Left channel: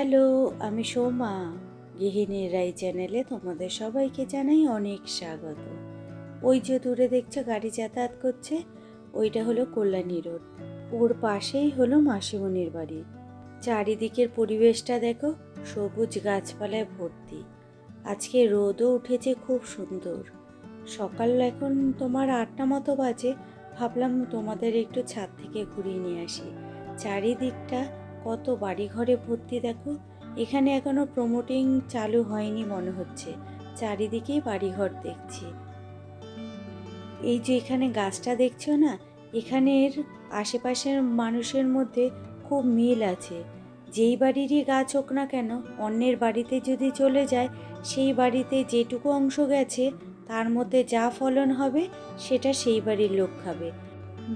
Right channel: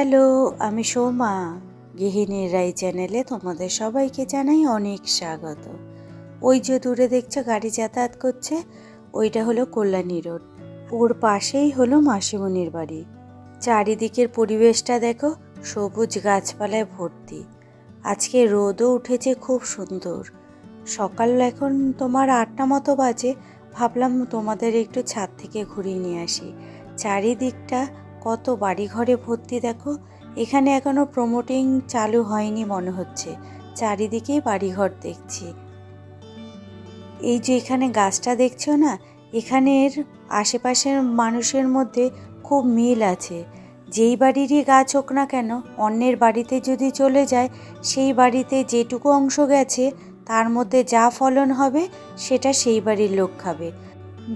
Hello, আমি সোমা। গৃহিণীর রাই চ্যানেলে তোমাদের সবাইকে জানাই অনেক স্বাগত। ওই যে দূরে দেখছো গাড়ি যাতায়াত করছে, ওইটা হলো কল্যাণী রোড। ওর পাশেই হলো মাসিমণির বাড়ি। চারিদিকের পরিবেশটা দেখো, সবুজ গাছপালায় ভর্তি। আজকে রোদও উঠেছে খুব সুন্দর। সকাল এখন তোমার 8টা মতো বাজে। ভাবলাম তোমাদের একটু ছাদ থেকে ঘুরিয়ে নিয়ে আসি। চারিদিকটা কত বাড়িঘরে ভর্তি দেখো। এখানে এখনো প্রমোটিং চালু হয়নি মনে হচ্ছে। চারিদিকেই বাড়িঘর দেখছি। এই যে এখানে গাছটা দেখছো না, এখানের আশেপাশের মানুষের মধ্যে খুব মিল আছে। যেই বাড়িরই গাছ হোক না কেন, অন্যের বাড়িতে যদি চলে যায়, সেই বাড়িতে যেটুকু অংশ গেছে তার মধ্যে যা ফলন হবে সেটা সেই বাড়ির লোক খাবে।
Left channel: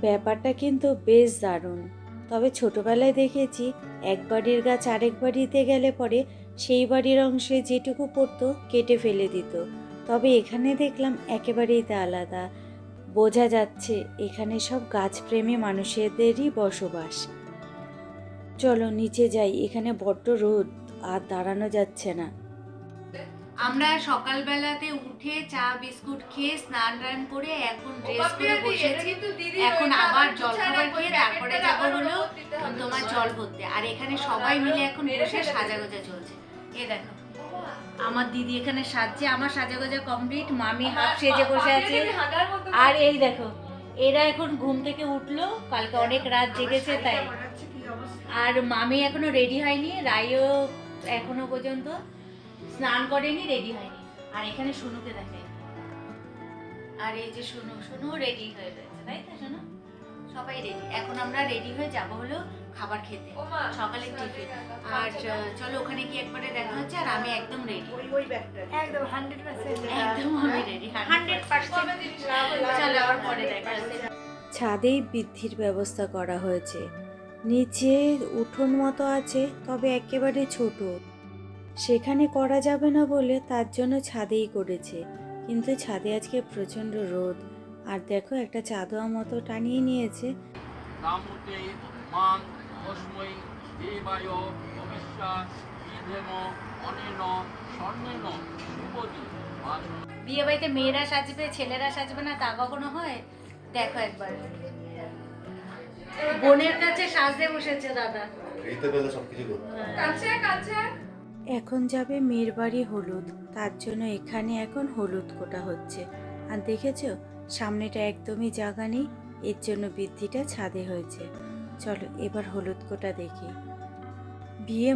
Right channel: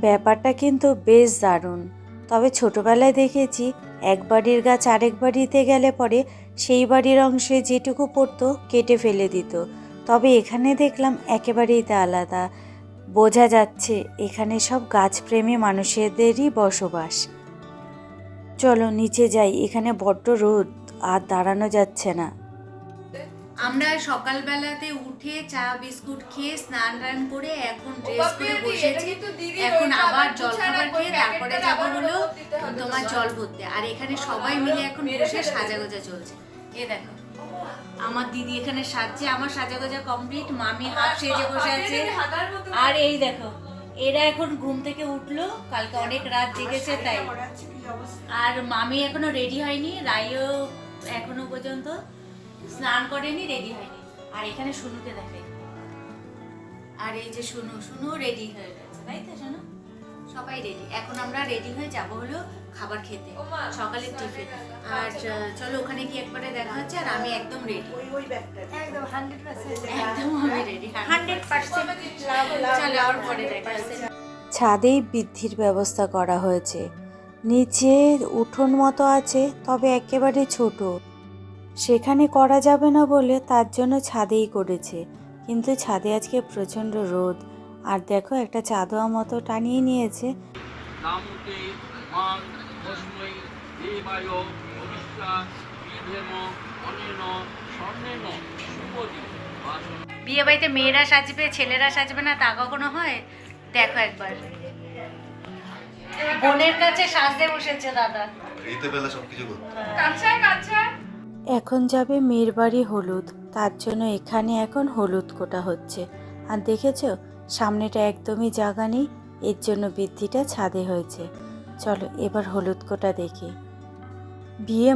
ব্যাপারটা কিন্তু বেশ দারুণ। তবে ছোটবেলায় দেখেছি এক বাড়ির গাছ আরেক বাড়িতে গেলে পরে সেই বাড়ির অংশে যেটুকু পড়তো কেটে ফেলে দিত। তবে এখানে দেখলাম একেবারেই তা আলাদা। বোঝা যাচ্ছে এখানে সব গাছপ্রেমী মানুষদেরই বসবাস। চলো নিচে যাই, এখানে বড্ড রোদ, আর দাঁড়ানো যাচ্ছে না। আমরা সকালবেলাতে উঠে চা বিস্কুট খেয়ে স্নান টান করে এখন ড্রেস করে বসেছি। এখন আবার জল খাবার খেয়ে তারপরে যাব হলো তোমার জল ভরতে। আর এখানে সবাই মিলে এখন বসে সাজাগোজা চলছে। এ দেখো আমার দিদি এখানে সাজছে, আমার সাজাগোজা কমপ্লিট। মামি হাফ সেজে বসে আছে। আর এই দেখো এরা এখন ঘুম থেকে উঠলো, কালকে অনেক রাত জেগেছে তাই। আর মামি এখনো রেডি হয়নি, রাইও এখনো পর্যন্ত স্নান করেনি, রেডি হয়নি। আর এখানে শুনুকে দেখাই, আর এই যে শুনু রেডি হয়ে গেছে, তাই তো শুনু? সবাই রেডি। এখন আমরা রেডি হয়ে যাব হলো খাবার খেতে, সকালের টিফিন। আর চলো ওখানে গিয়ে একবারে দেখা হচ্ছে। আর আমি একদম রেডি, একদম 100%, একদম আমি রেডি 100%। চলো আর পরে দেখা হচ্ছে। ছাদেই বৃদ্ধির ব্যবস্থা করা হয়েছে। নিচে উঠোন মতো আছে, তবে একেবারে ছোট। সেখানে করা যাবে না বলে তার জন্য ছাদেই করেছে। কিন্তু ছাদে আজকে প্রচণ্ড রোদ। আর দেখো একটা চাদোয়া মতো টানিয়ে নিয়েছে। বিয়ে বাড়িতে মেয়েরা সাজবে ছেলেরা সাজবে না তা কখনো হয়? দেখো একবার বোনের কাছে সাজতে বসেছে দাদা। এখন যাবে মেয়ের বাড়ি হলুদ, তার জন্য এখানে এখন হলুদ কোটা হচ্ছে। আর দেখেছো সামনেটা একদমই জায়গা নেই, এর জন্য বৃদ্ধিটা ছাদে হয়েছে। চলো এবার হলুদ কোটা দেখি। বিয়ে